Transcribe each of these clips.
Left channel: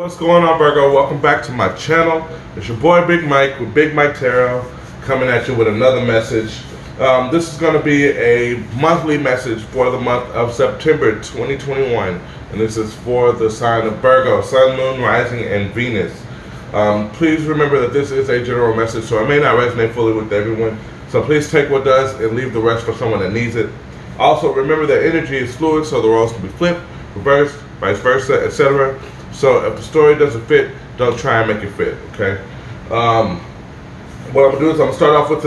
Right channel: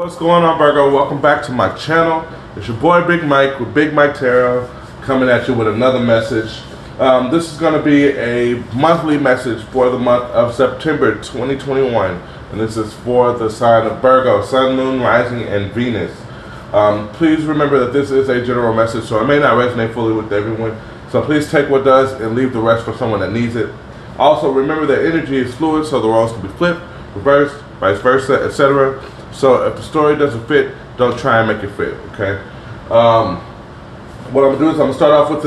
What's going on, Virgo? Welcome back to my channel. It's your boy Big Mike with Big Mike Tarot coming at you with another message. This is going to be a monthly message for the month of September 2021, and this is for the sign of Virgo, Sun, Moon, Rising, and Venus. Please remember that this is a general message, so it may not resonate fully with everyone. So please take what does and leave the rest for someone that needs it. Also, remember that energy is fluid, so the roles can be flipped, reversed, vice versa, etc. So if the story doesn't fit, don't try and make it fit. Okay. What I'm gonna do is I'm gonna start off with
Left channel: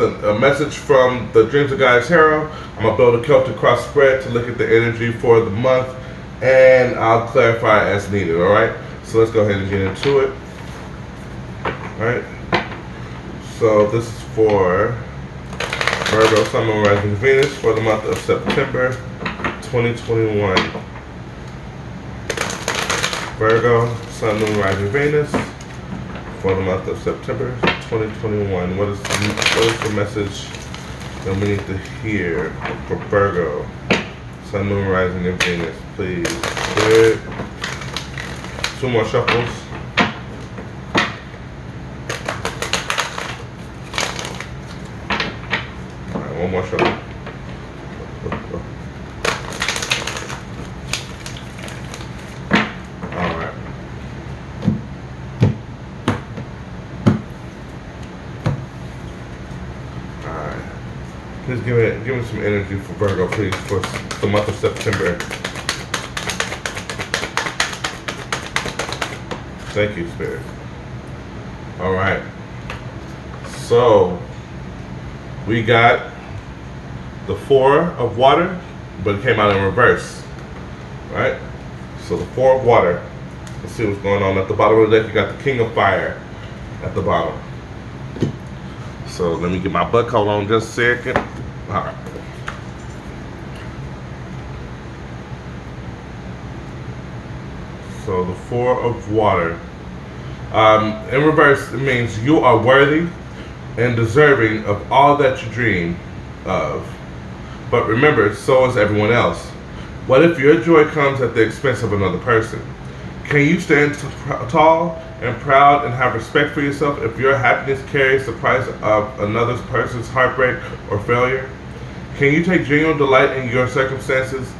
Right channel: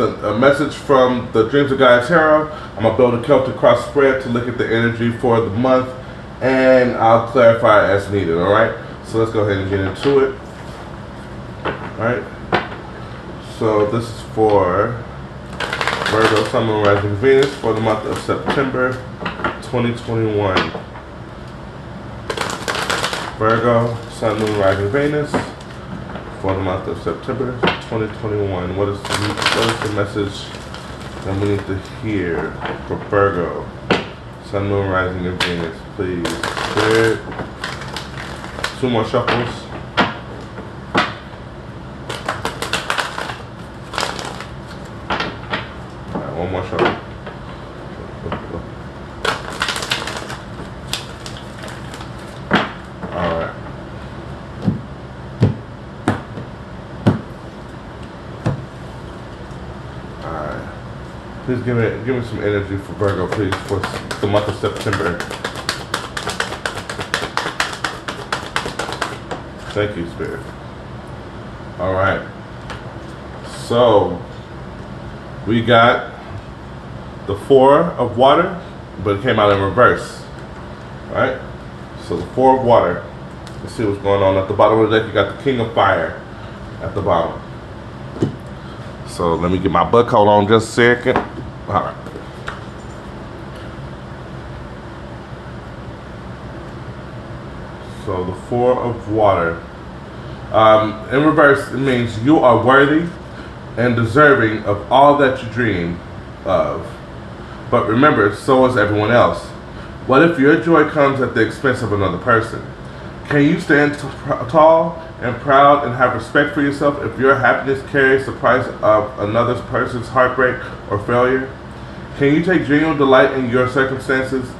a message from the Dreams of Gaia Tarot. I'm gonna build a Celtic cross spread to look at the energy for the month, and I'll clarify as needed. All right. So let's go ahead and get into it. All right. So this is for Virgo, Sun, Moon, Rising, Venus for the month of September 2021. Virgo, Sun, Moon, Rising, Venus for the month of September 2021. What is the message that we need to hear for Virgo, Sun, Moon, Rising, and Venus? Please. Good. Two more shuffles. All right, one more shuffle. Please give me some energy for Virgo, please, for the month of September. Thank you, Spirit. All right. So we got the Four of Water, but it came out in reverse. All right. So the Four of Water. Let's see what's going on at the bottom of the deck. You got the King of Fire at the bottom. So let me get my butt coat on just a second. All right. So the Four of Water. In reverse, it means you are worthy and deserving of all that you dream of. But remember, so is everyone else. What if your joy comes at the expense of another person? Can you stand tall and proud and have respect for yourself if your happiness carries the price of another person's heartbreak or failure? Can you take genuine delight in your circumstances?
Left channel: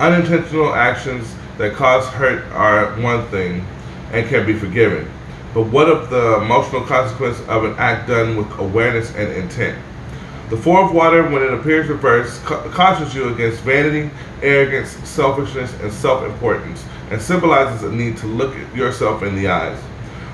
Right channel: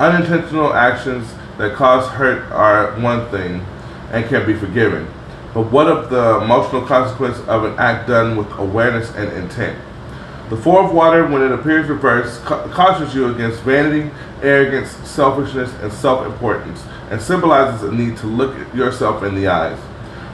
Unintentional actions that cause hurt are one thing and can be forgiven. But what of the emotional consequence of an act done with awareness and intent? The Four of Water, when it appears reversed, cautions you against vanity, arrogance, selfishness, and self-importance, and symbolizes a need to look at yourself in the eyes.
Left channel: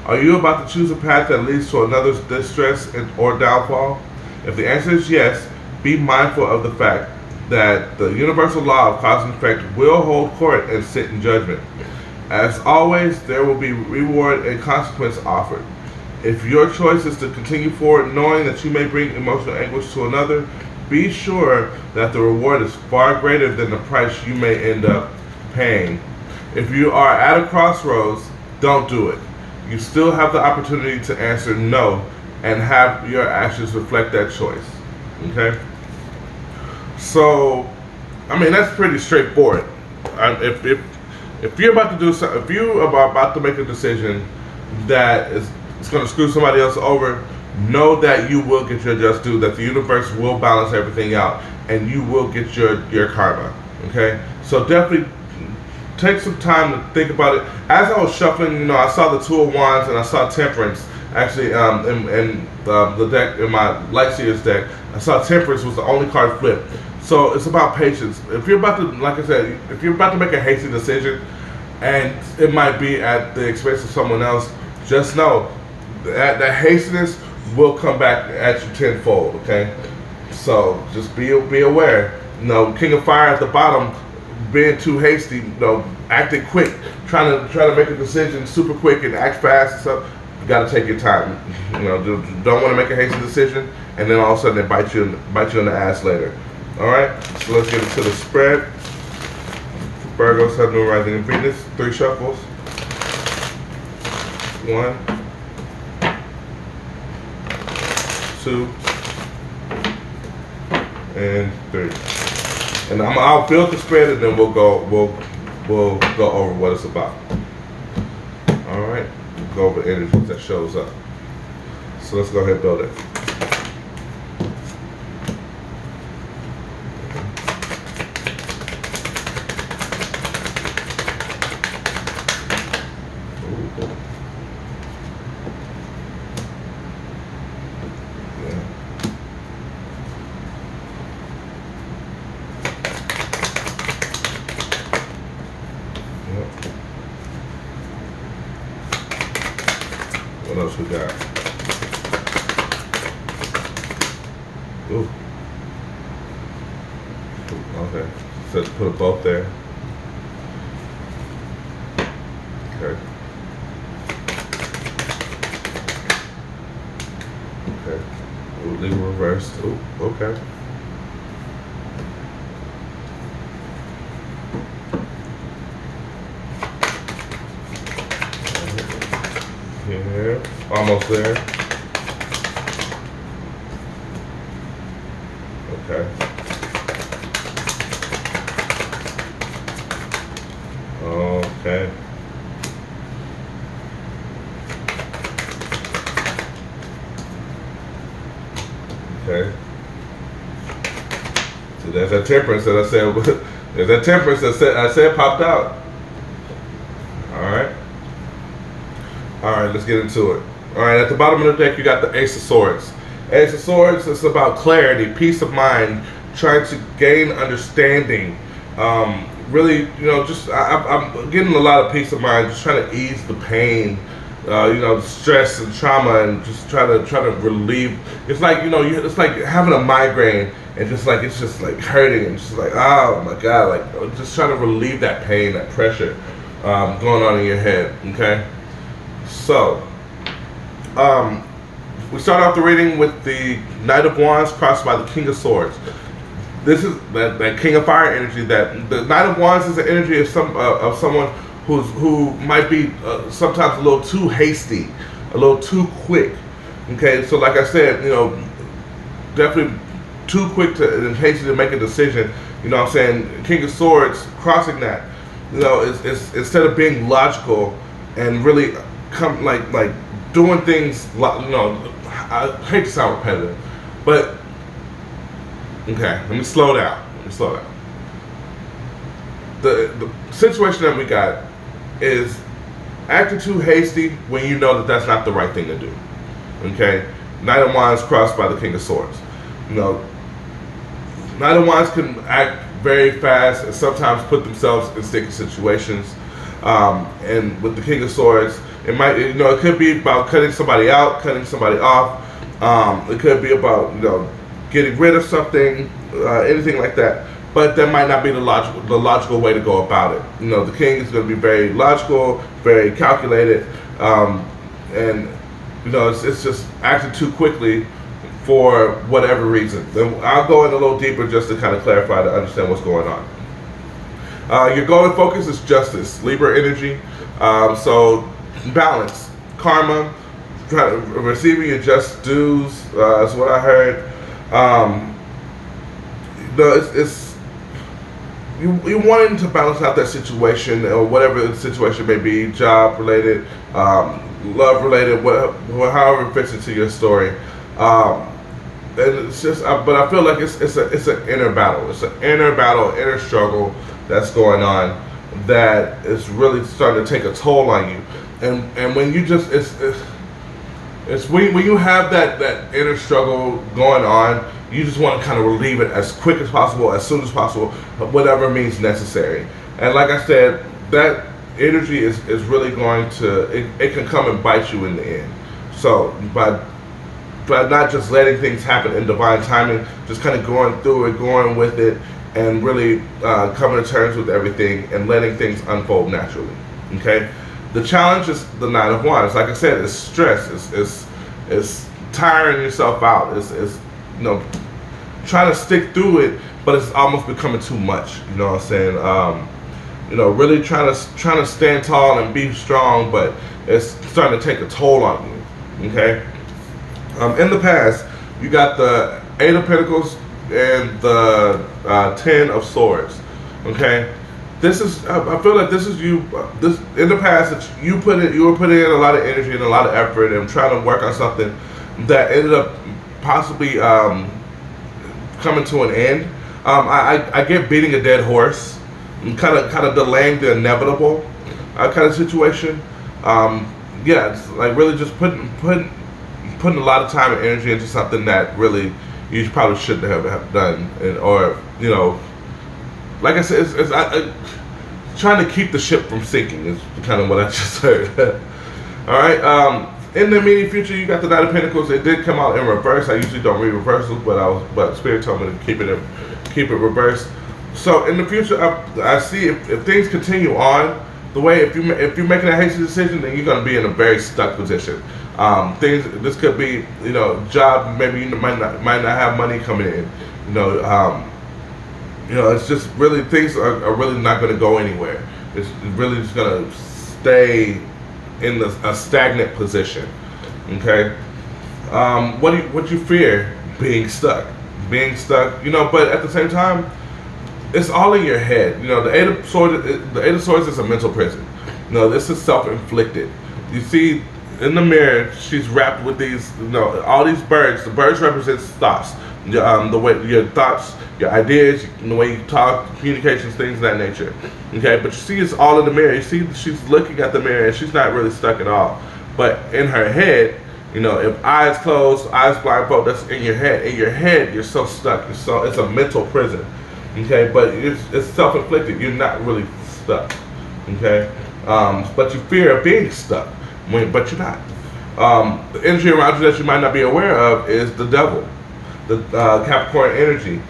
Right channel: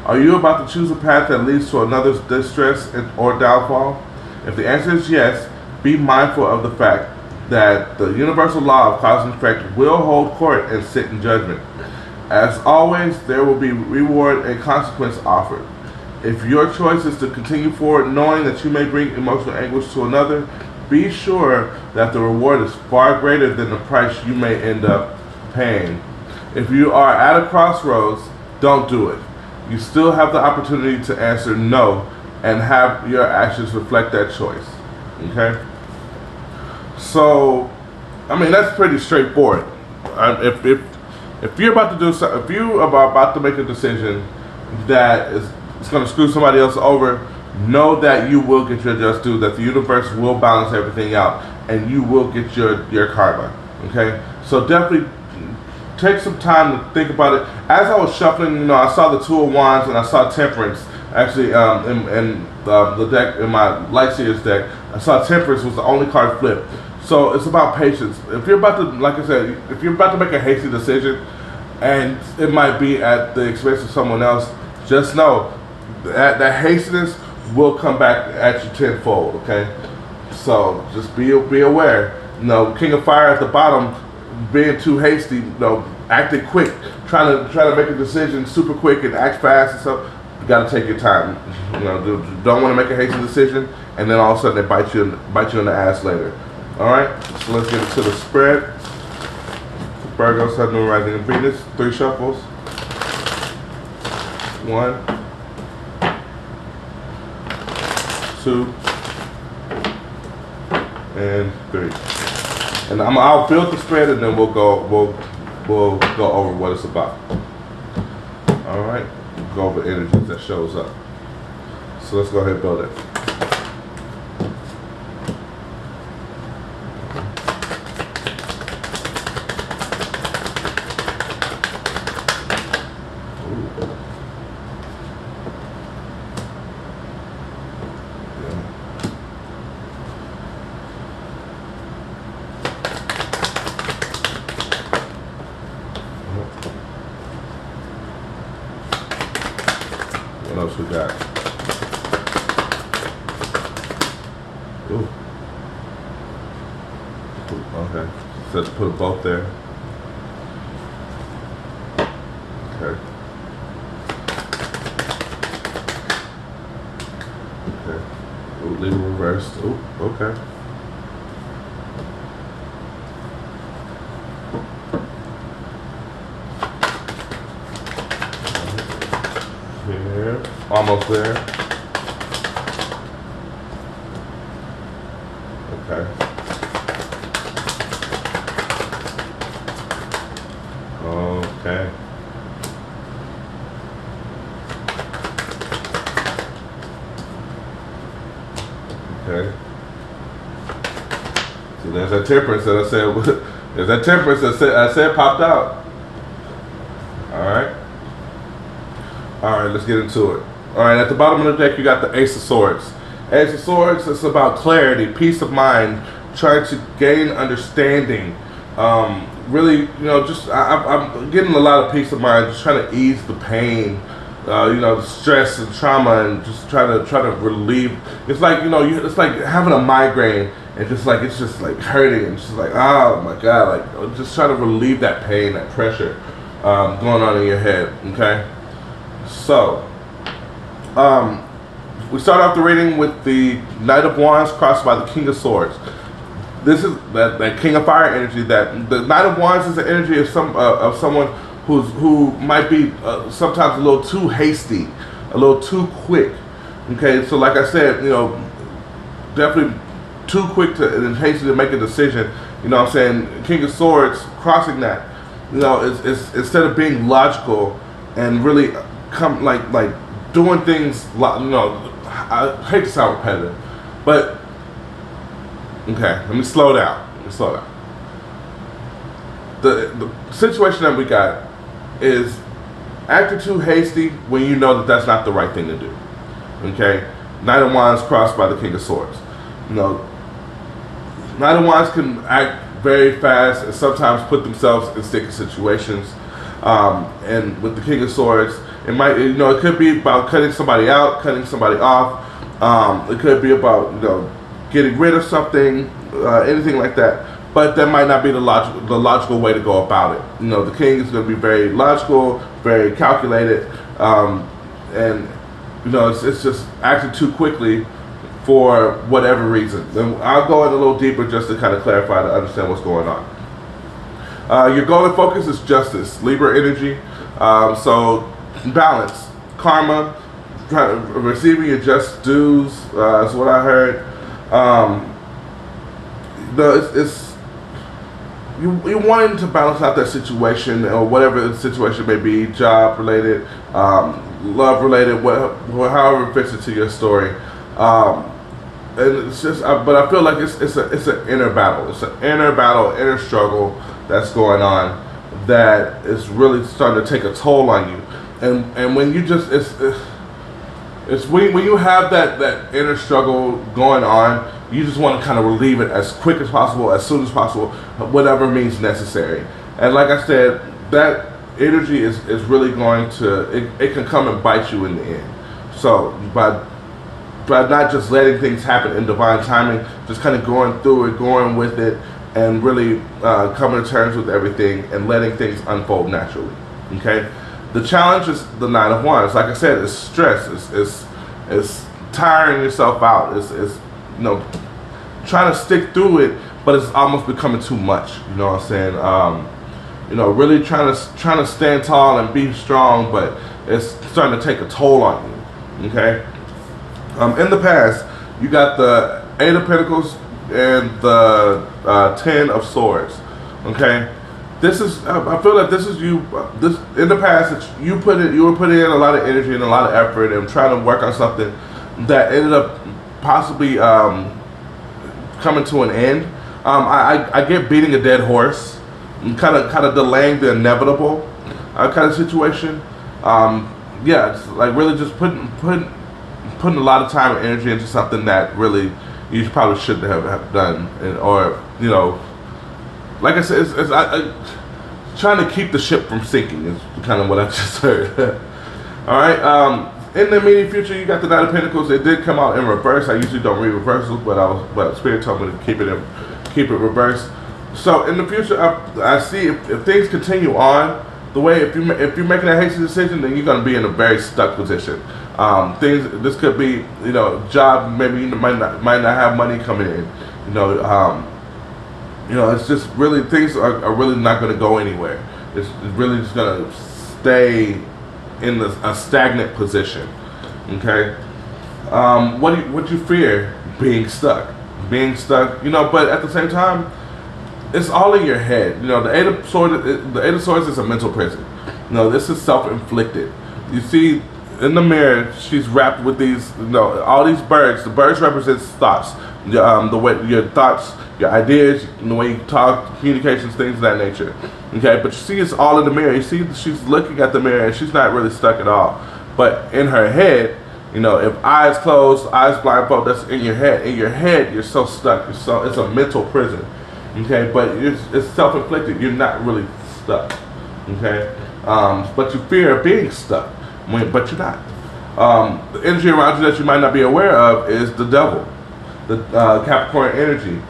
Are you about to choose a path that leads to another's distress or downfall? If the answer is yes, be mindful of the fact that the universal law of cause and effect will hold court and sit in judgment. As always, there will be reward and consequence offered. If your choice is to continue forward knowing that you may bring emotional anguish to another, be sure that the reward is far greater than the price you may end up paying. If you are at a crossroads, don't do it. You still have the opportunity to answer no and have your actions reflect that choice. Okay? So, I mean, that's pretty straightforward. If you're about to do something, if you are about to make a decision that is going to screw somebody else over, know that you will get your just due, that the universe will balance everything out, and you will get your karma. Okay? So definitely take some time to think about it. As I was shuffling, I saw the Two of Wands and I saw Temperance. Actually, in the deck, in my Lightseers deck, I saw Temperance was the only card flipped. So it's about patience. If you're about to, like I said, if you're about to make a hasty decision, and it might be at the expense of someone else, just know that hastiness will come back at you tenfold. Okay, so just be aware. King of Fire at the bottom, being too hasty, acting quick, trying to make a decision super quick and act fast and stuff. You got to take your time. Don't want to make a hasty decision, and then all of a sudden they bite you in the ass later. All right, so let's get into the spread. Virgo, Sun, Moon, Rising, and Venus. 3 shuffles. 1, 2, and 3. And I'll build the spread, and then we'll we'll go over what it's about. All right, we'll go over energies that shows up. So let's go ahead and build it. What else we got? Ooh. Okay. So let's put both there. Okay. Okay. Ooh, leave reversed. Ooh, okay. Here. Almost there. Okay. Okay. Okay. See, there's that temperance that I said. There's that temperance that I said popped out. All right. All right. Let's get into it. All right. At the bottom of the deck, you got the Ace of Swords. Ace of Swords. It's about clarity, peace of mind, trying to gain understanding. Really, you know, just I'm getting a lot of peace of mind, just trying to ease the pain, you know, the stress and trauma, and just try to relieve. It's like, you know, it's like having a migraine, and just like it's just like hurting, and just like, oh my god, like just trying to relieve that pain, that pressure going on in your head. Okay, so we start off the reading with the Knight of Wands crossed by the King of Swords. This is that King of Fire energy. That the Knight of Wands is the energy of someone who might be sometimes a little too hasty, a little too quick. Okay, so like I said, you know, definitely too quick and hasty to make a decision. You know what I'm saying? King of Swords crossing that. You know, it's instead of being logical and really like doing things. You know, I hate to sound repetitive, but. Okay, let me slow down. The situation that we got is acting too hasty when you know that that's not the right thing to do. Okay, Knight of Wands crossed by the King of Swords. You know, Knight of Wands can act very fast and sometimes put themselves in sticky situations. And with the King of Swords, it might, you know, it could be about cutting somebody out, cutting somebody off. It could be about, you know, getting rid of something, anything like that. But that might not be the logical way to go about it. You know, the king is going to be very logical, very calculated, and you know, it's just acting too quickly for whatever reason. And I'll go in a little deeper just to kind of clarify to understand what's going on. Your goal and focus is justice, Libra energy. So balance, karma, receiving your just dues is what I heard. It's you wanting to balance out that situation or whatever the situation may be, job related, love related, however it fits into your story. And it's just, but I feel like it's an inner battle. It's an inner battle, inner struggle that's going on that is really starting to take a toll on you. And when you just it's when you have that inner struggle going on, you just want to kind of relieve it as quick as possible, as soon as possible, whatever means necessary. And like I said, that energy is really going to, it can come and bite you in the end. So by not just letting things happen in divine timing, just kind of going through it, going with it, and really coming to terms with everything and letting things unfold naturally. Okay? The challenge is the Nine of Wands. Like I said, it's stress. It's tiring yourself out. It's you know, trying to stick through it, but it's almost becoming too much. You know what I'm saying? You know, really trying to stand tall and be strong, but it's starting to take a toll on you. Okay? In the past, you got the Eight of Pentacles and the Ten of Swords. Okay? this is, I feel like this is you. This in the past that you were putting in a lot of energy and a lot of effort and trying to work on something that ended up possibly coming to an end. I get beating a dead horse, and kind of delaying the inevitable kind of situation. Yeah, it's like really just putting a lot of time and energy into something that really you probably shouldn't have done, or like I said, it's trying to keep the ship from sinking is kind of what I just heard. All right. In the immediate future, you got the Knight of Pentacles. It did come out in reverse. I usually don't read reversals, but Spirit told me to keep it reversed. So in the future, I see if things continue on the way, if you're making a hasty decision, then you're going to be in a very stuck position. This could be, job. Maybe you might not have money coming in. It's just really things are really not going to go anywhere. It's really just going to stay in a stagnant position. Okay. What you fear? Being stuck. But at the same time, it's all in your head. The Eight of Swords is a mental prison. This is self-inflicted. You see, in the mirror, she's wrapped with these, all these birds. The birds represent thoughts. The way your thoughts, your ideas, the way you talk, communications, things of that nature. Okay, but you see, it's all in the mirror. You see, she's looking at the mirror, and she's not really stuck at all. But in her head, if eyes closed, eyes blindfold, that's in your head. In your head, you're so stuck. It's a mental prison. Okay, but it's self-inflicted. You're not really stuck. Okay, but you fear being stuck, but you're not. The energy around you that you might not be aware of is the devil, the Capricorn energy.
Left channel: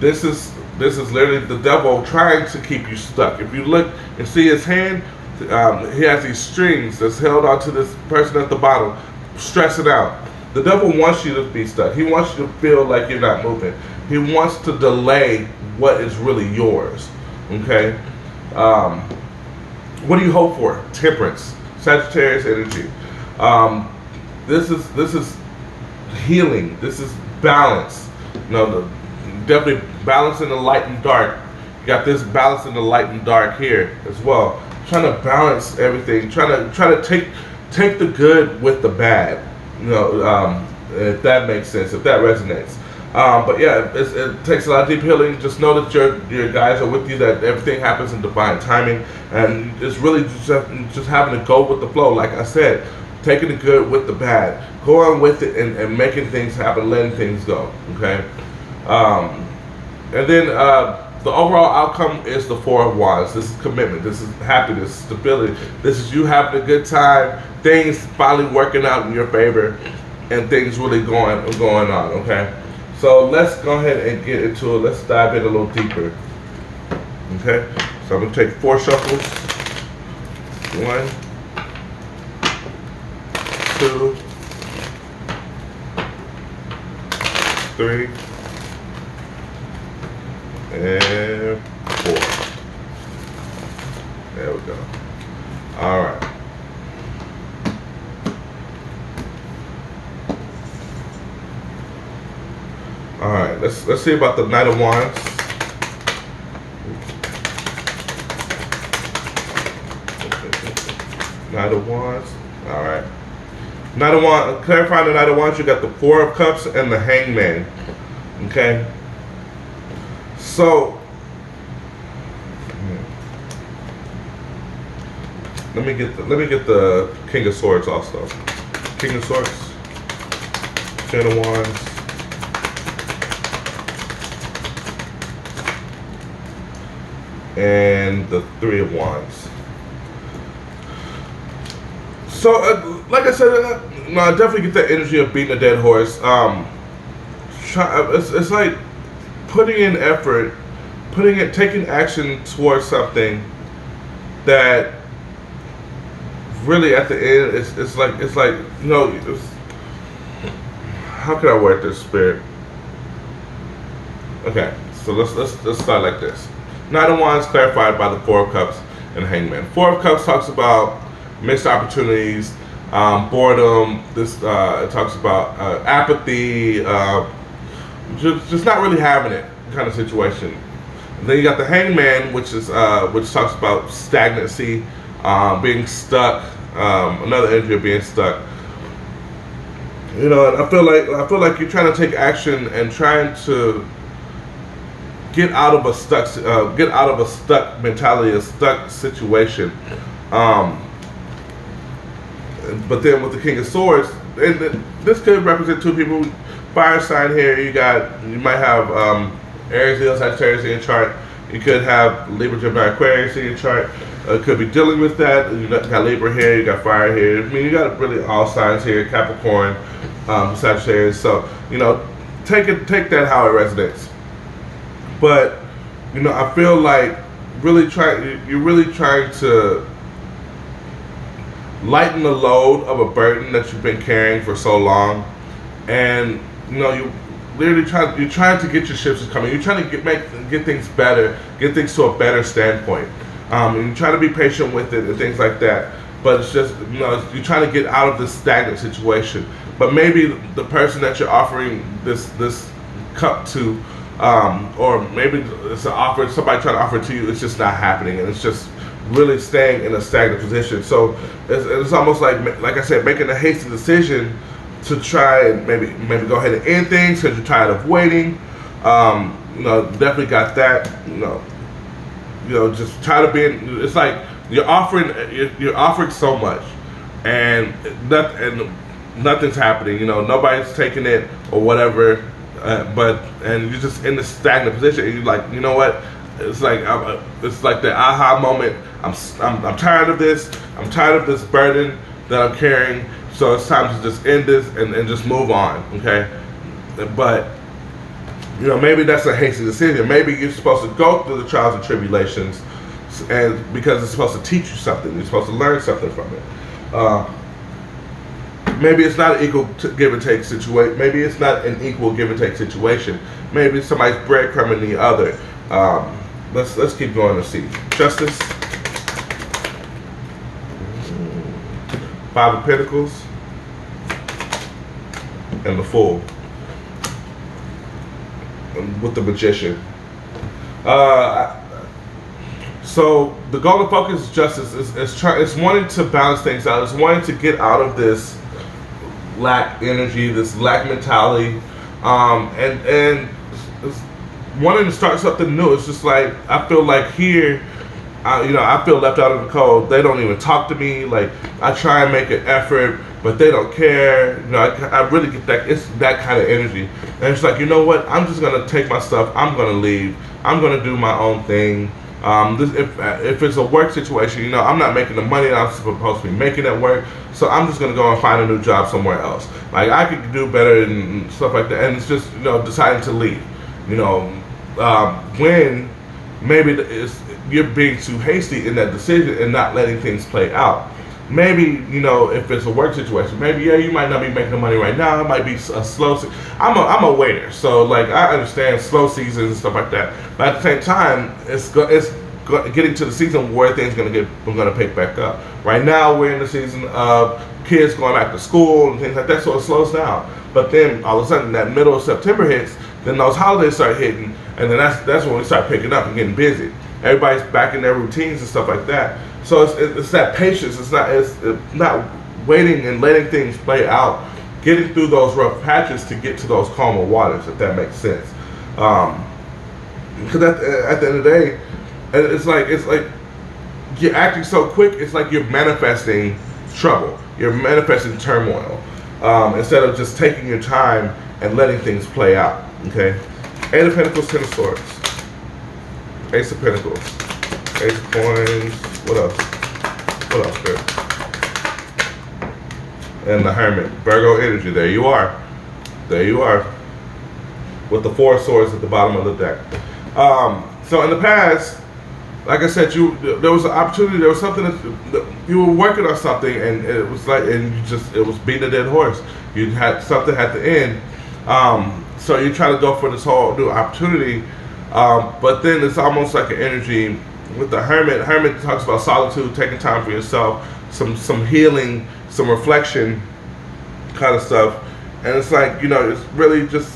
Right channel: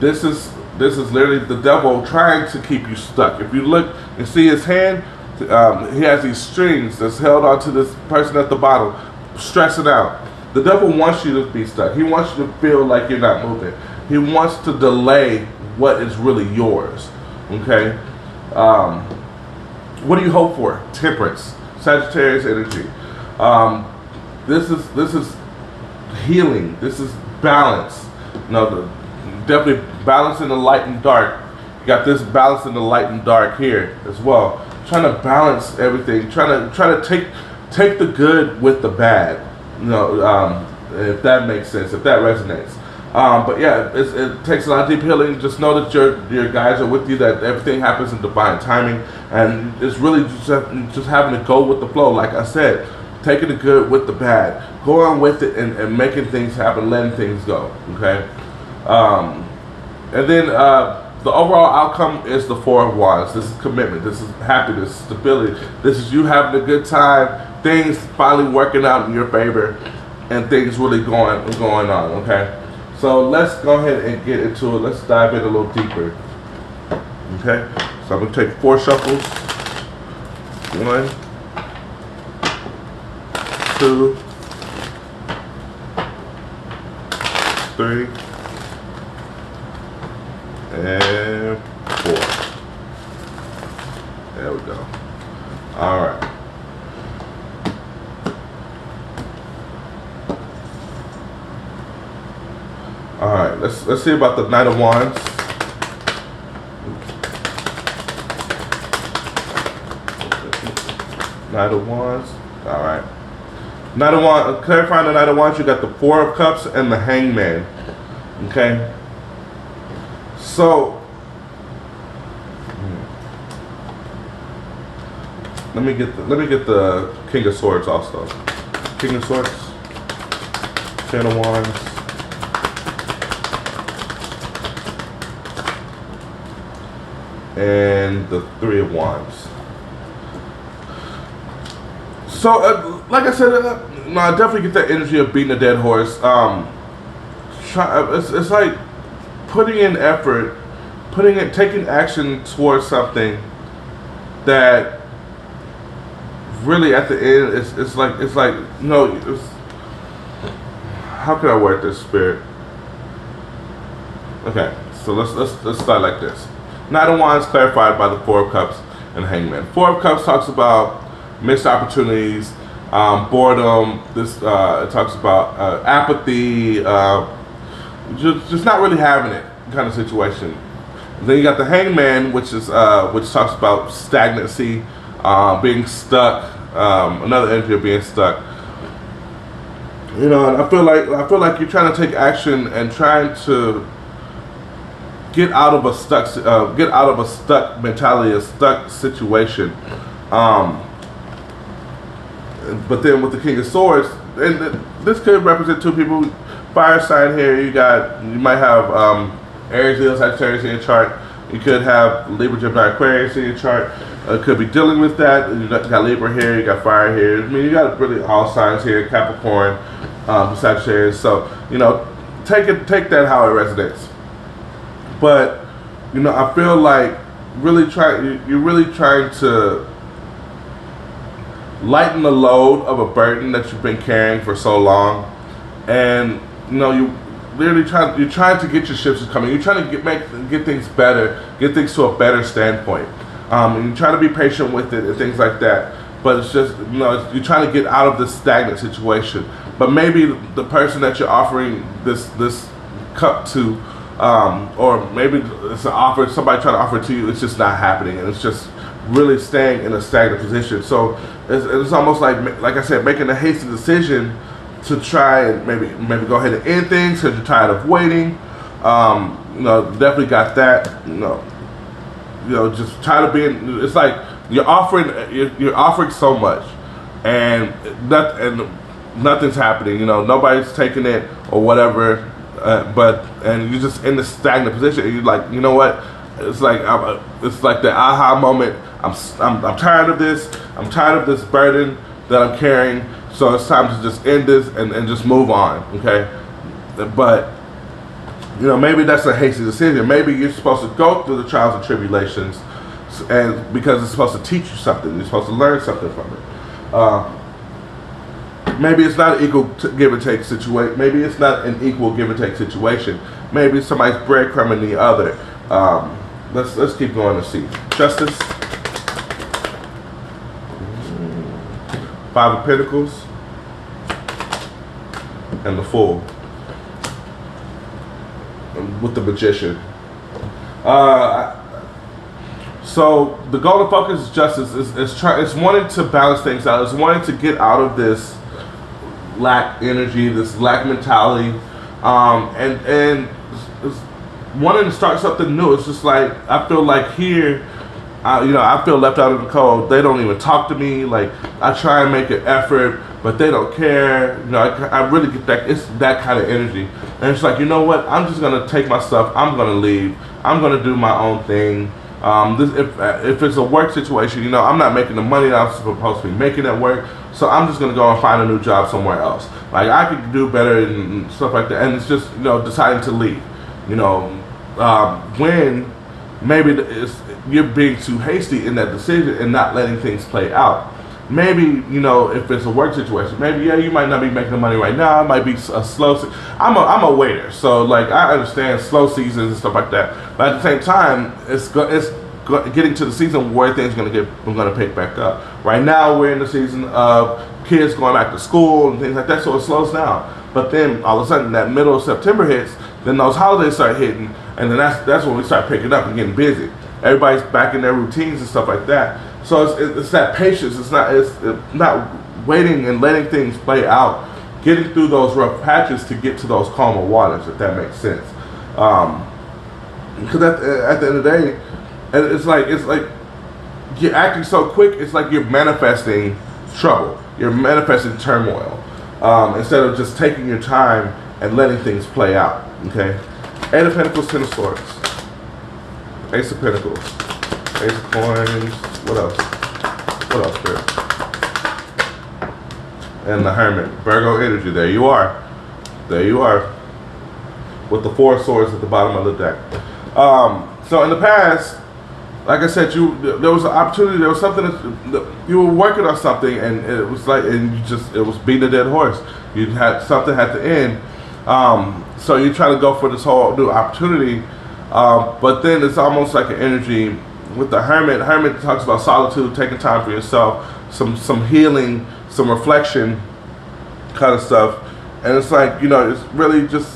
This is literally the devil trying to keep you stuck. If you look and see his hand, he has these strings that's held onto this person at the bottom, stressing out. The devil wants you to be stuck. He wants you to feel like you're not moving. He wants to delay what is really yours. Okay? What do you hope for? Temperance, Sagittarius energy. This is healing. This is balance. Definitely balance in the light and dark. You got this balance in the light and dark here as well. Trying to balance everything. Trying to take the good with the bad. If that makes sense, if that resonates. But yeah, it takes a lot of deep healing. Just know that your guys are with you, that everything happens in divine timing, and it's really just having to go with the flow. Like I said, taking the good with the bad, going with it and making things happen, letting things go. Okay, and then the overall outcome is the Four of Wands. This is commitment. This is happiness, stability. This is you having a good time. Things finally working out in your favor, and things really going on. Okay. So let's go ahead and get into it. Let's dive in a little deeper. Okay? So I'm going to take 4 shuffles. 1, 2, 3, and 4. There we go. All right. All right, let's see about the Knight of Wands. Knight of Wands. All right. Knight of Wands. Clarifying the Knight of Wands, you got the Four of Cups and the Hangman. Okay. So let me get the King of Swords also. King of Swords. Ten of Wands. And the Three of Wands. So, like I said, I definitely get that energy of beating a dead horse. It's like putting in effort, taking action towards something that really at the end, it's like how can I word this, Spirit? Okay, so let's start like this. Knight of Wands clarified by the Four of Cups and Hangman. Four of Cups talks about missed opportunities, boredom. This it talks about apathy, just not really having it kind of situation. Then you got the Hangman, which talks about stagnancy, being stuck. Another energy of being stuck. You know, and I feel like you're trying to take action and trying to get out of a stuck mentality, a stuck situation. But then with the King of Swords, and this could represent two people. Fire sign here. You might have Aries, Leo, Sagittarius in your chart. You could have Libra, Gemini, Aquarius in your chart. Could be dealing with that. You got Libra here. You got fire here. I mean, you got really all signs here. Capricorn, Sagittarius. So you know, take that how it resonates. But you know, I feel like you're really trying to lighten the load of a burden that you've been carrying for so long, and you know, you're trying to get your shifts coming. You're trying to get things better, get things to a better standpoint. And you try to be patient with it and things like that. But it's just, you know, you're trying to get out of this stagnant situation. But maybe the person that you're offering this cup to, or maybe it's an offer, somebody trying to offer it to you, it's just not happening, and it's just really staying in a stagnant position. So it's almost like I said, making a hasty decision to try and maybe go ahead and end things because you're tired of waiting. You know, definitely got that. You know, just tired of being. It's like you're offering so much, and nothing's happening. You know, nobody's taking it or whatever. And you're just in this stagnant position. And you're like, you know what? It's like the aha moment. I'm tired of this. I'm tired of this burden that I'm carrying. So it's time to just end this and just move on, okay? But, you know, maybe that's a hasty decision. Maybe you're supposed to go through the trials and tribulations, and because it's supposed to teach you something. You're supposed to learn something from it. Maybe it's not an equal give and take situation. Maybe it's not an equal give and take situation. Maybe somebody's breadcrumbing the other. Let's keep going and see. Justice. Five of Pentacles. And the Fool. With the Magician. So the goal of focus is justice. It's wanting to balance things out. It's wanting to get out of this lack energy, this lack mentality, and it's wanting to start something new. It's just like, I feel like here, I feel left out of the cold. They don't even talk to me. Like, I try and make an effort, but they don't care. You know, I really get that. It's that kind of energy. And it's like, you know what? I'm just gonna take my stuff. I'm gonna leave. I'm gonna do my own thing. If it's a work situation, you know, I'm not making the money that I'm supposed to be making at work. So I'm just gonna go and find a new job somewhere else. Like, I could do better and stuff like that. And it's just, you know, deciding to leave. You know, when maybe you're being too hasty in that decision and not letting things play out. Maybe, you know, if it's a work situation, maybe, yeah, you might not be making the money right now. It might be a slow season. I'm a waiter, so like, I understand slow seasons and stuff like that. But at the same time, it's getting to the season where things are gonna pick back up. Right now, we're in the season of kids going back to school and things like that, so it slows down. But then all of a sudden, that middle of September hits, then those holidays start hitting, and then that's when we start picking up and getting busy. Everybody's back in their routines and stuff like that. So it's that patience. It's not waiting and letting things play out, getting through those rough patches to get to those calmer waters, if that makes sense. Because at the end of the day, and it's like you're acting so quick. It's like you're manifesting trouble. You're manifesting turmoil instead of just taking your time and letting things play out. Okay. Eight of Pentacles, Ten of Swords, Ace of Pentacles, Ace of Coins. What else, Spirit? And the Hermit. Virgo energy. There you are. With the Four of Swords at the bottom of the deck. So in the past, like I said, there was an opportunity. There was something that you were working on something, and it was like, it was beating a dead horse. You had something at the end. So you try to go for this whole new opportunity, but then it's almost like an energy with the Hermit. Hermit talks about solitude, taking time for yourself, some healing, some reflection kind of stuff. And it's like, you know, it's really just,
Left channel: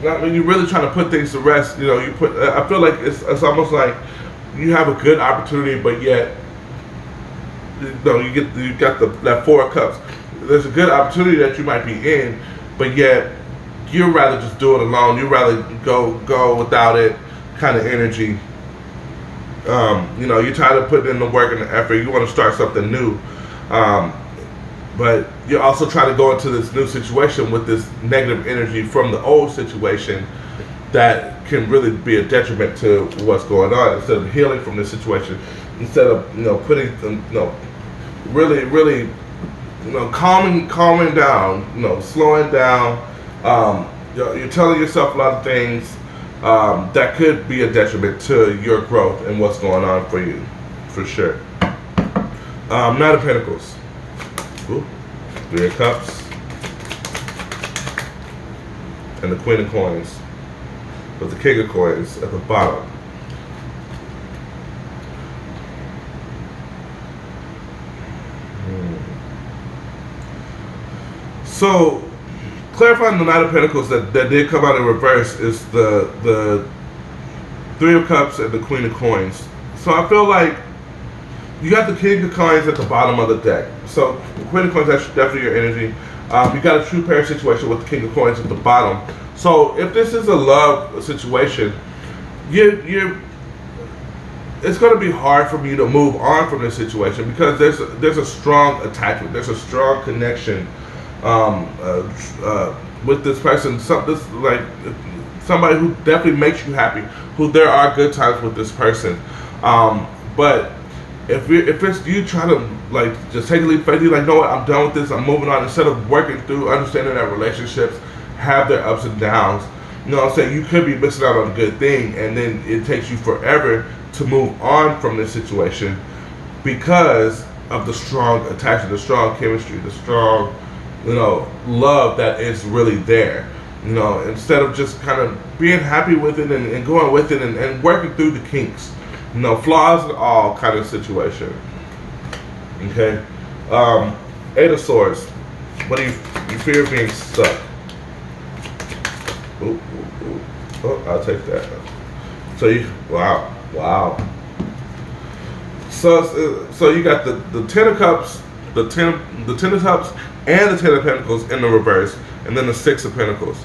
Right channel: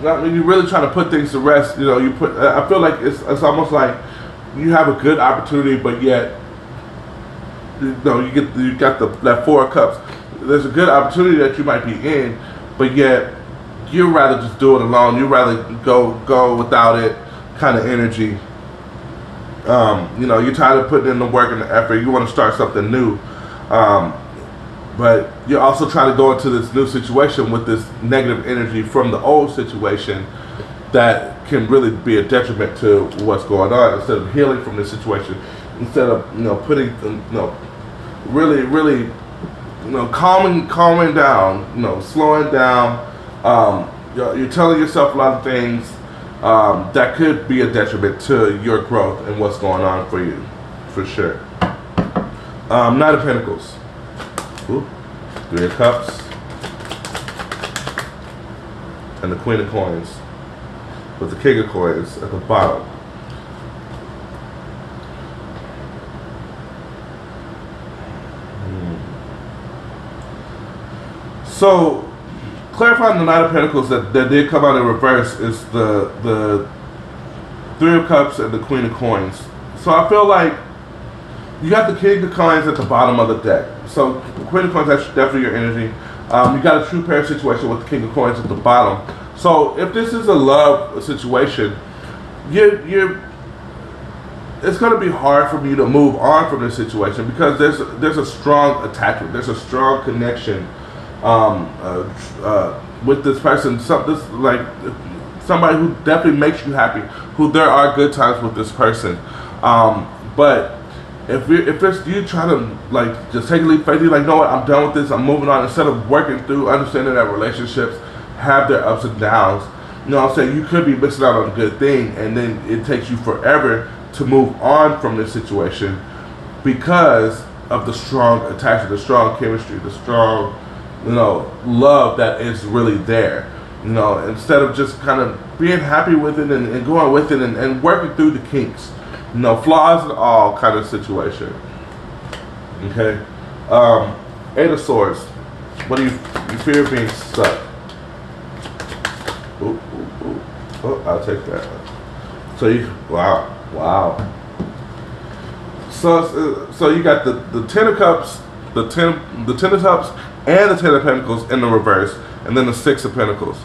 when you're really trying to put things to rest, you know, you put. I feel like it's almost like you have a good opportunity, but yet, you know, you got that Four of Cups. There's a good opportunity that you might be in, but yet you'd rather just do it alone. You'd rather go without it, kind of energy. You know, you're tired of putting in the work and the effort. You want to start something new. But you're also trying to go into this new situation with this negative energy from the old situation that can really be a detriment to what's going on. Instead of healing from this situation, instead of, you know, putting, you know, really, you know, calming down, you know, slowing down. You know, you're telling yourself a lot of things that could be a detriment to your growth and what's going on for you, for sure. Knight of Pentacles. Ooh. Three of Cups. And the Queen of Coins. With the King of Coins at the bottom. So, clarifying the Knight of Pentacles that did come out in reverse is the Three of Cups and the Queen of Coins. So I feel like you got the King of Coins at the bottom of the deck. So the Queen of Coins, that's definitely your energy. You got a true pair situation with the King of Coins at the bottom. So if this is a love situation, it's going to be hard for you to move on from this situation because there's a strong attachment, there's a strong connection with this person. Like somebody who definitely makes you happy. Who there are good times with this person, but if it's you trying to like just take a leap of faith, you're like, no, I'm done with this. I'm moving on. Instead of working through, understanding that relationships have their ups and downs. You know what I'm saying? You could be missing out on a good thing, and then it takes you forever to move on from this situation because of the strong attachment, the strong chemistry, the strong, you know, love that is really there. You know, instead of just kind of being happy with it and going with it and working through the kinks. You know, flaws and all kind of situation. Okay. Eight of Swords. What do you fear being stuck? Ooh. Oh, I'll take that. So wow. So you got the Ten of Cups, the Ten of Cups, and the Ten of Pentacles in the reverse, and then the Six of Pentacles.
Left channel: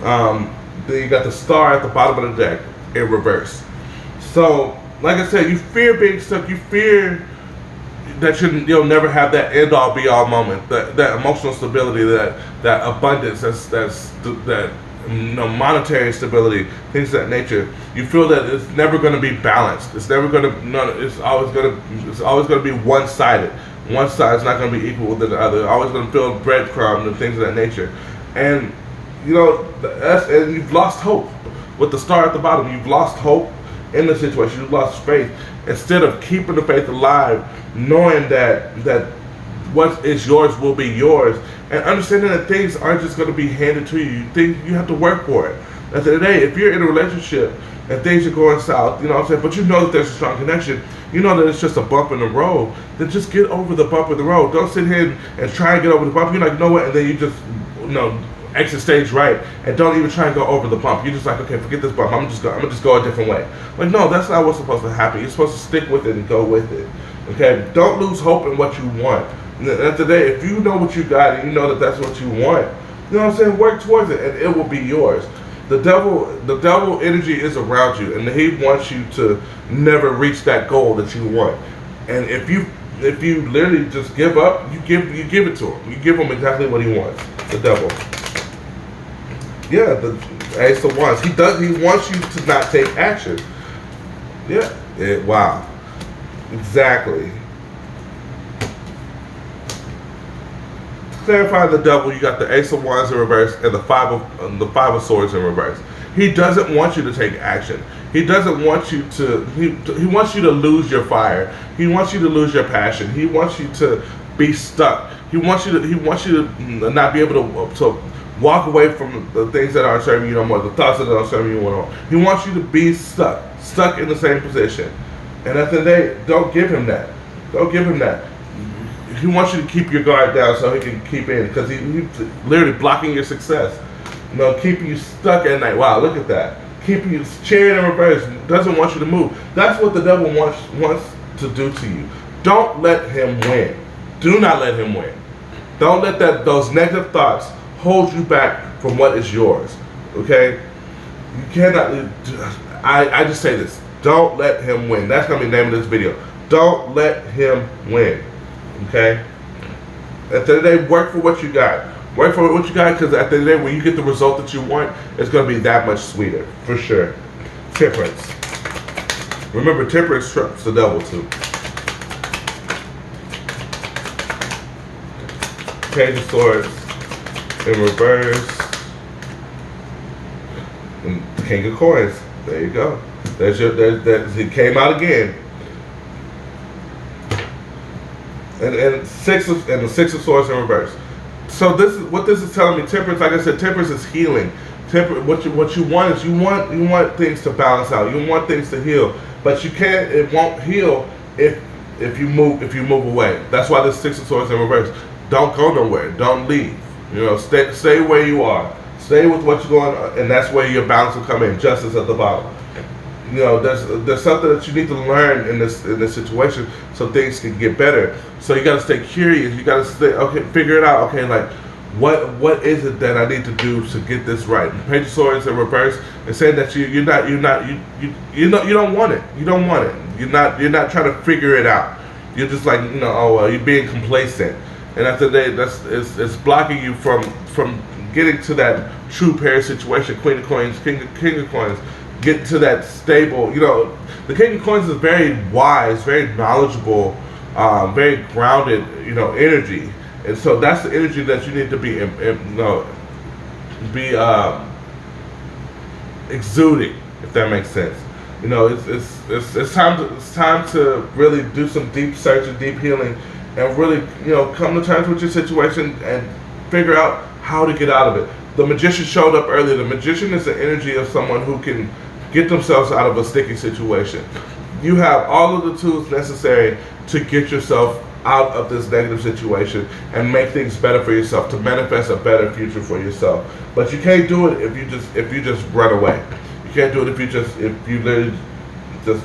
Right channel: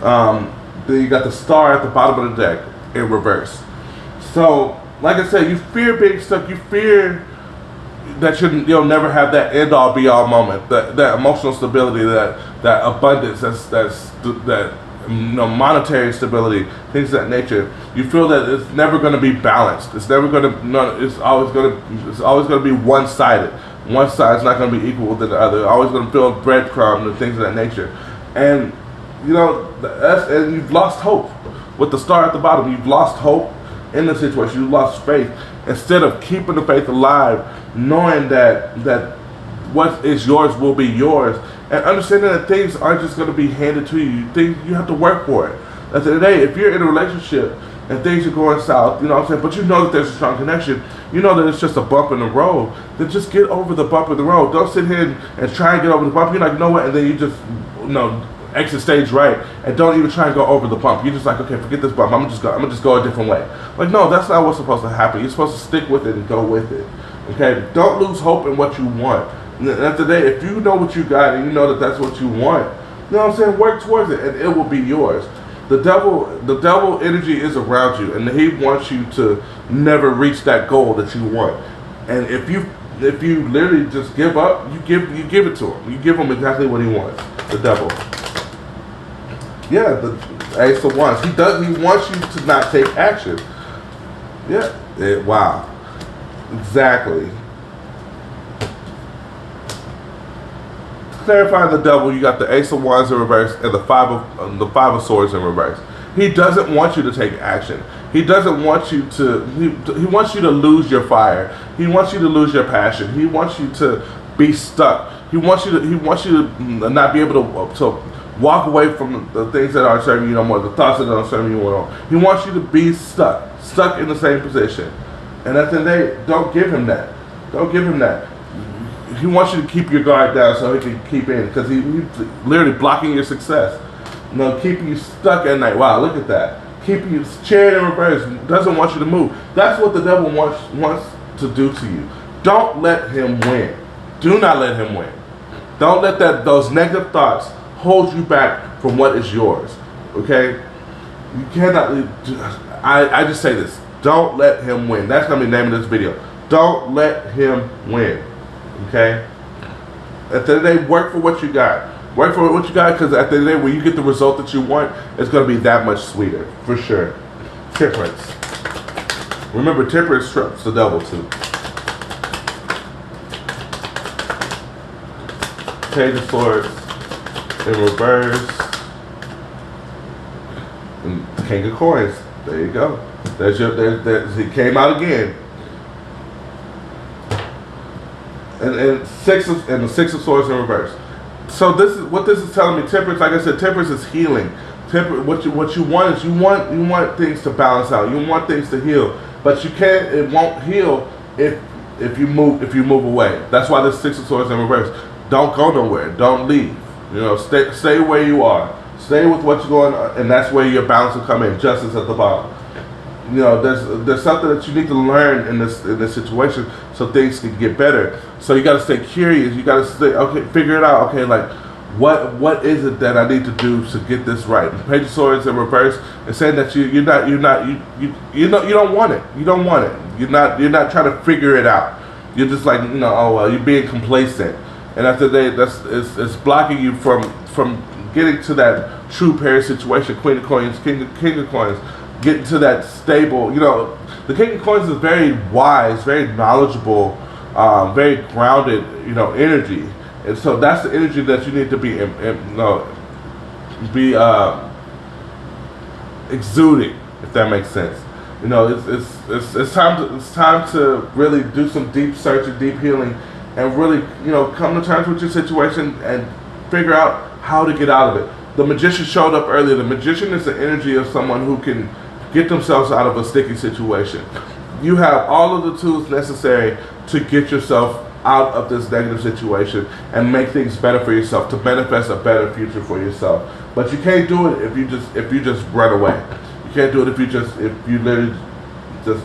Then you got the Star at the bottom of the deck in reverse. So, like I said, you fear being stuck. You fear that you'll never have that end-all, be-all moment, that emotional stability, that abundance, that monetary stability, things of that nature. You feel that it's never going to be balanced. It's never going to. No, it's always going to be one-sided. One side is not going to be equal to the other. It's always going to feel breadcrumbs and things of that nature. And you know, and you've lost hope with the Star at the bottom. You've lost hope in the situation. You've lost faith. Instead of keeping the faith alive, knowing that what is yours will be yours, and understanding that things aren't just going to be handed to you. You have to work for it. At the end of the day, if you're in a relationship and things are going south, you know what I'm saying, but you know that there's a strong connection, you know that it's just a bump in the road, then just get over the bump in the road. Don't sit here and try and get over the bump. You're like, you know what, and then you just, exit stage right, and don't even try and go over the bump. You're just like, okay, forget this bump. I'm gonna just go a different way. Like, no, that's not what's supposed to happen. You're supposed to stick with it and go with it. Okay, don't lose hope in what you want. And at the end of the day, if you know what you got and you know that that's what you want, you know what I'm saying, work towards it, and it will be yours. The devil energy is around you, and he wants you to never reach that goal that you want. And if you literally just give up, you give it to him. You give him exactly what he wants. The devil. Yeah, the Ace of Wands. He wants you to not take action. Yeah. Wow. Exactly. To clarify the devil, you got the Ace of Wands in reverse and the Five of Swords in reverse. He doesn't want you to take action. He doesn't want you to. He wants you to lose your fire. He wants you to lose your passion. He wants you to be stuck. He wants you to not be able to walk away from the things that aren't serving you no more, the thoughts that don't serve you no more. He wants you to be stuck in the same position. And at the end of the day, don't give him that. Don't give him that. He wants you to keep your guard down so he can keep in, because he's literally blocking your success. keeping you stuck at night. Wow, look at that. Keeping you cheering in reverse. Doesn't want you to move. That's what the devil wants to do to you. Don't let him win. Do not let him win. Don't let those negative thoughts hold you back from what is yours. Okay? You cannot. I just say this. Don't let him win. That's going to be the name of this video. Don't let him win. Okay? At the end of the day, work for what you got. Work for what you got, because at the end of the day, when you get the result that you want, it's going to be that much sweeter. For sure. Temperance. Remember, temperance trumps the devil too. Page of Swords in reverse. And King of Coins. There you go. It came out again. And the Six of Swords in reverse. So what this is telling me. Temperance, like I said, temperance is healing. What you want is you want things to balance out. You want things to heal, but you can't. It won't heal if you move away. That's why this Six of Swords in reverse. Don't go nowhere. Don't leave. Stay where you are. Stay with what's going on, and that's where your balance will come in. Justice at the bottom. There's something that you need to learn in this situation so things can get better. So you got to stay curious. You got to stay figure it out. Okay, like what is it that I need to do to get this right? Page of Swords in reverse and saying that you don't want it. You don't want it. You're not trying to figure it out. You're just like you're being complacent, and after that, it's blocking you from getting to that true pair situation. Queen of Coins, King of Coins. Get to that stable, the King of Coins is very wise, very knowledgeable, very grounded, energy, and so that's the energy that you need to be exuding, if that makes sense. It's time to really do some deep searching, deep healing, and really come to terms with your situation and figure out how to get out of it. The Magician showed up earlier. The Magician is the energy of someone who can get themselves out of a sticky situation. You have all of the tools necessary to get yourself out of this negative situation and make things better for yourself, to manifest a better future for yourself. But you can't do it if you just run away. You can't do it if you literally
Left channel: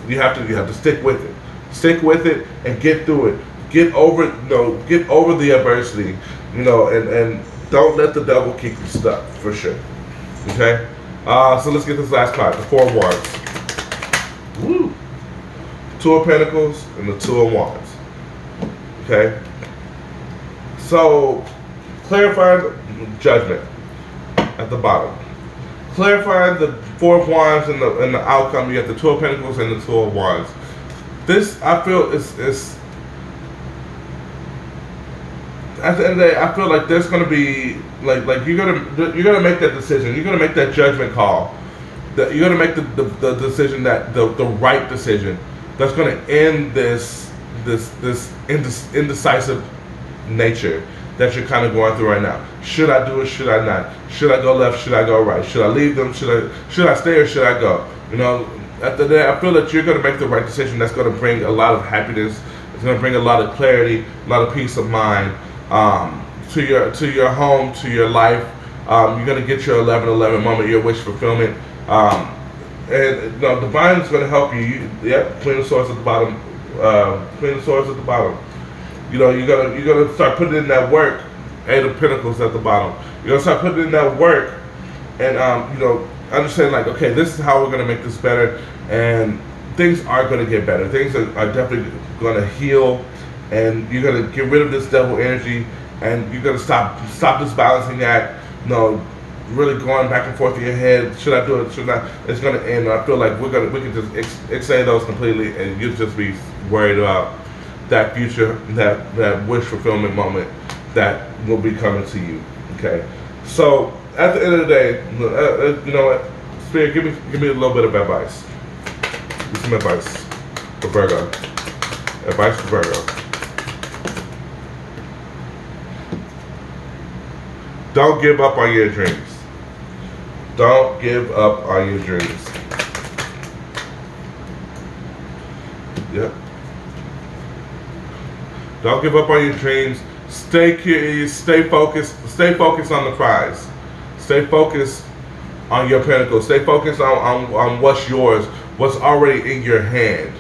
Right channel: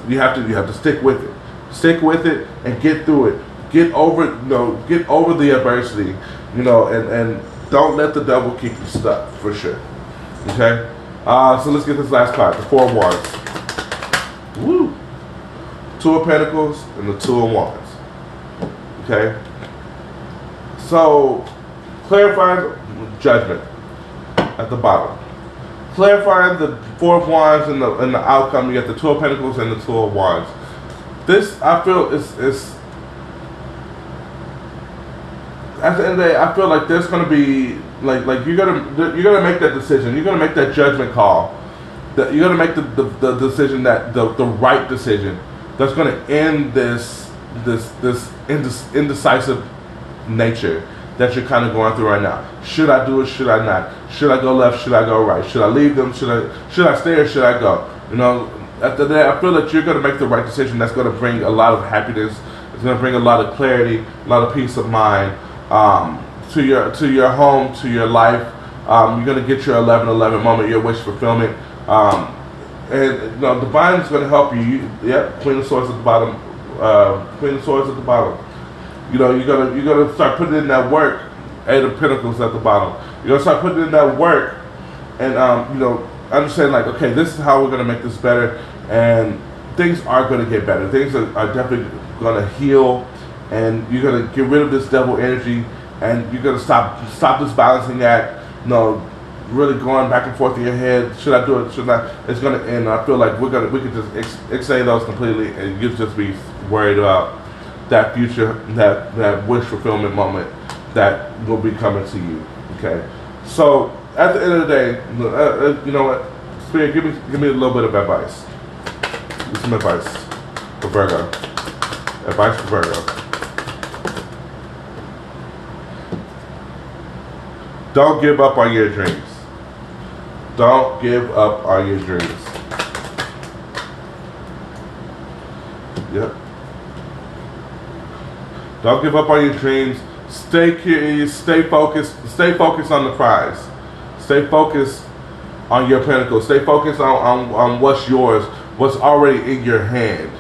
you have to stick with it. Stick with it and get through it. Get over the adversity, and don't let the devil keep you stuck, for sure. Okay? So let's get this last card, the Four of Wands. Woo! Two of Pentacles and the Two of Wands. Okay? So, clarifying Judgment at the bottom. Clarifying the Four of Wands and the outcome. You get the Two of Pentacles and the Two of Wands. This, I feel, is at the end of the day, I feel like there's going to be like you're gonna make that decision. You're gonna make that judgment call. That you're gonna make the decision, that the right decision that's gonna end this indecisive nature that you're kind of going through right now. Should I do it? Should I not? Should I go left? Should I go right? Should I leave them? Should I stay or should I go? At the end of the day, I feel that you're gonna make the right decision. That's gonna bring a lot of happiness. It's gonna bring a lot of clarity, a lot of peace of mind. To your home, to your life. You're gonna get your 11/11 moment, your wish fulfillment, and Divine is gonna help you. Yep, Queen of Swords at the bottom. Queen of Swords at the bottom. You're gonna start putting in that work. Eight of Pentacles at the bottom. You're gonna start putting in that work, and understand like, okay, this is how we're gonna make this better, and things are gonna get better. Things are definitely gonna heal, and you're gonna get rid of this devil energy. And you're gonna stop this balancing act, really going back and forth in your head. Should I do it? Should I? It's gonna end. And I feel like we can just extend those completely, and you just be worried about that future, that wish fulfillment moment that will be coming to you. Okay. So at the end of the day, you know what, Spirit, give me a little bit of advice. Give me some advice for Virgo. Advice for Virgo. Don't give up on your dreams. Don't give up on your dreams. Yep. Don't give up on your dreams. Stay curious. Stay focused. Stay focused on the prize. Stay focused on your pentacles. Stay focused on what's yours, what's already in your hand.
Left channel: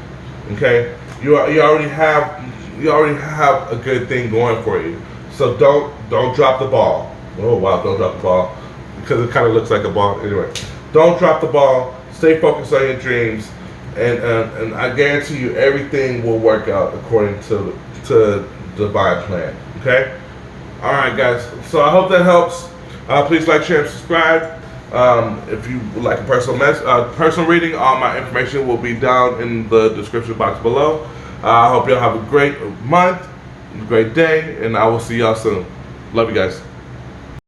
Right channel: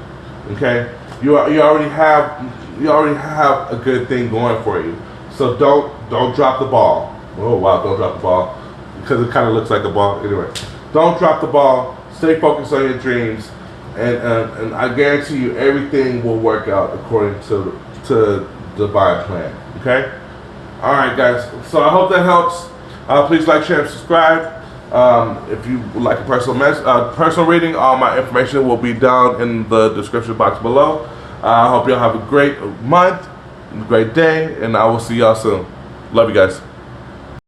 Okay, you already have a good thing going for you. So don't drop the ball. Oh wow, don't drop the ball, because it kind of looks like a ball. Anyway, don't drop the ball. Stay focused on your dreams, and I guarantee you everything will work out according to divine plan. Okay. All right, guys. So I hope that helps. Please like, share, and subscribe. If you would like a personal reading, all my information will be down in the description box below. I hope y'all have a great month, a great day, and I will see y'all soon. Love you guys.